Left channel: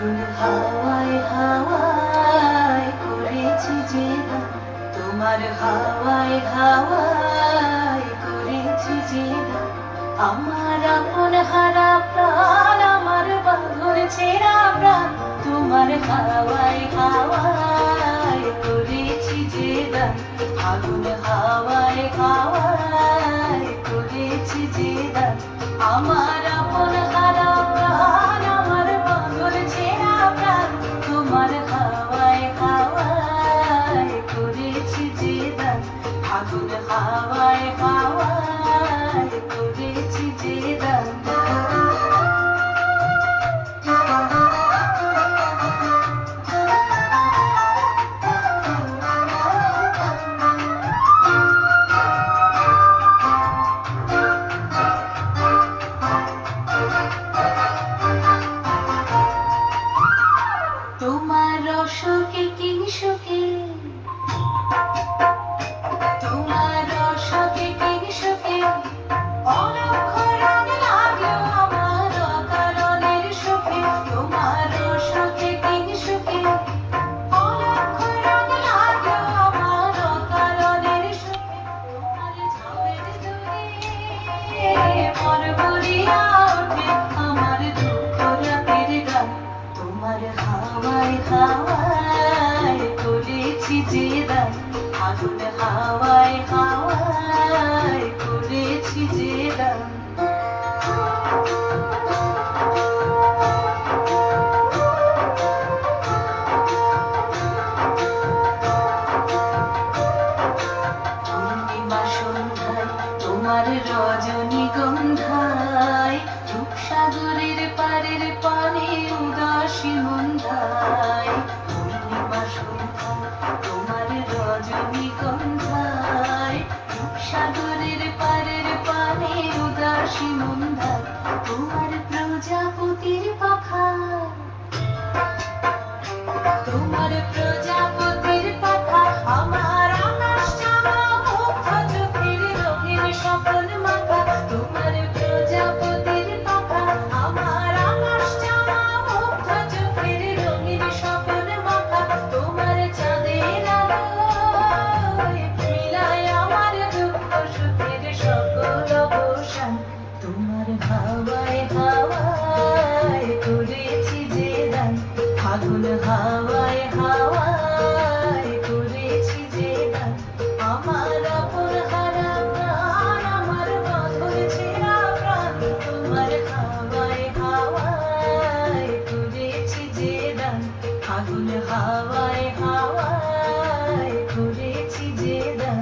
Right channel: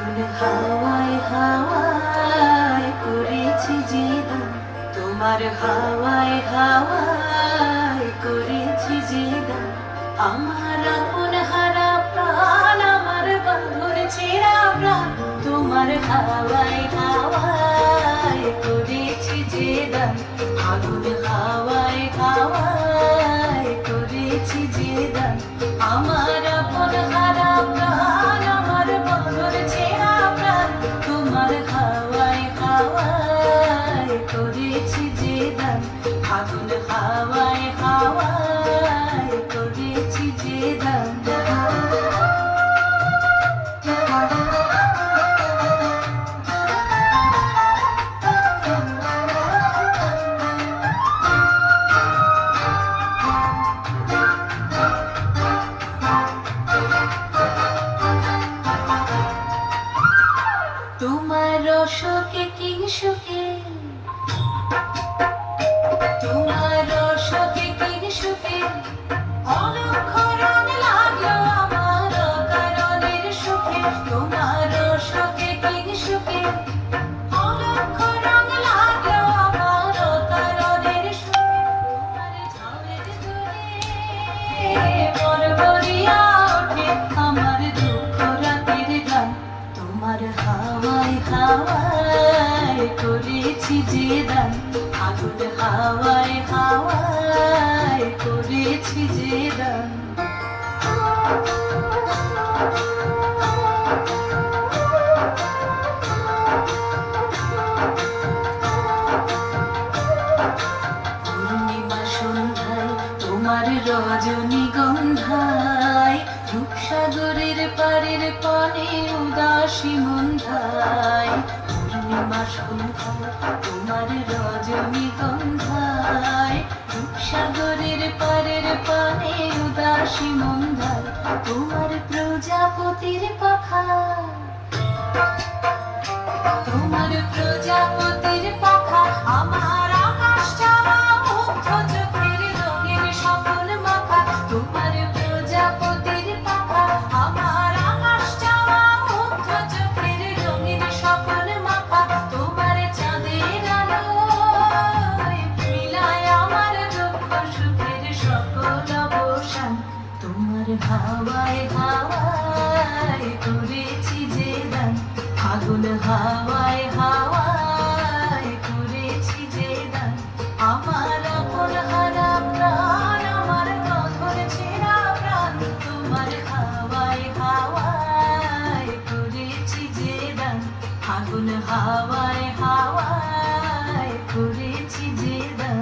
আগুন হাওয়ায় হাওয়ায় করেছি যে দান, তোমার হাওয়ায় হাওয়ায় করেছি যে দান। আমার আপন হারা প্রাণ, আমার বন্ধুর ছেঁড়া প্রাণ, তোমার হাওয়ায় হাওয়ায় করেছি যে দান। আগুন হাওয়ায় হাওয়ায় করেছি যে দান। আমার আপন হারা প্রাণ, আমার বন্ধুর ছেঁড়া প্রাণ, তোমার হাওয়ায় হাওয়ায় করেছি যে দান। আগুন হাওয়ায় হাওয়ায় করেছি যে দান। তোমার অশোকে কি সুখে, তোমার অশোকে কি সুখে, অলক্ষ রং লাগলো আমার অকারণের সুখে। তোমার অশোকে কি সুখে, অলক্ষ রং লাগলো আমার অকারণের সুখে। তোমার ঝামের দূরে পরপরিয়া ওঠে আমার দুঃখ রাতের গান। তোমার হাওয়ায় হাওয়ায় করেছি যে দান। আগুন হাওয়ায় হাওয়ায় করেছি যে দান। পূর্ণিমা সন্ধ্যায় তোমার রজনীগন্ধায়, রূপসাগরের পারের পানে উদাসী মন্ধায়। পূর্ণিমা সন্ধ্যায় তোমার রজনীগন্ধায়, রূপসাগরের পারের পানে উদাসী মন্ধায়। তোমার প্রজাপতির পাখা, তোমার প্রজাপতির পাখা, আমার আকাশ চাওয়া মুগ্ধ চোখের রঙের স্বপন মাখা। তোমার প্রজাপতির পাখা, আমার আকাশ চাওয়া মুগ্ধ চোখের রঙের স্বপন মাখা। তোমার চাঁদের আলোয় মিলায় আমার দুঃখ সুখের সকল অবসান। তোমার হাওয়ায় হাওয়ায় করেছি যে দান। আগুন হাওয়ায় হাওয়ায় করেছি যে দান। আমার আপন হারা প্রাণ, আমার বন্ধুর ছেঁড়া প্রাণ, তোমার হাওয়ায় হাওয়ায় করেছি যে দান। আগুন হাওয়ায় হাওয়ায় করেছি যে দান।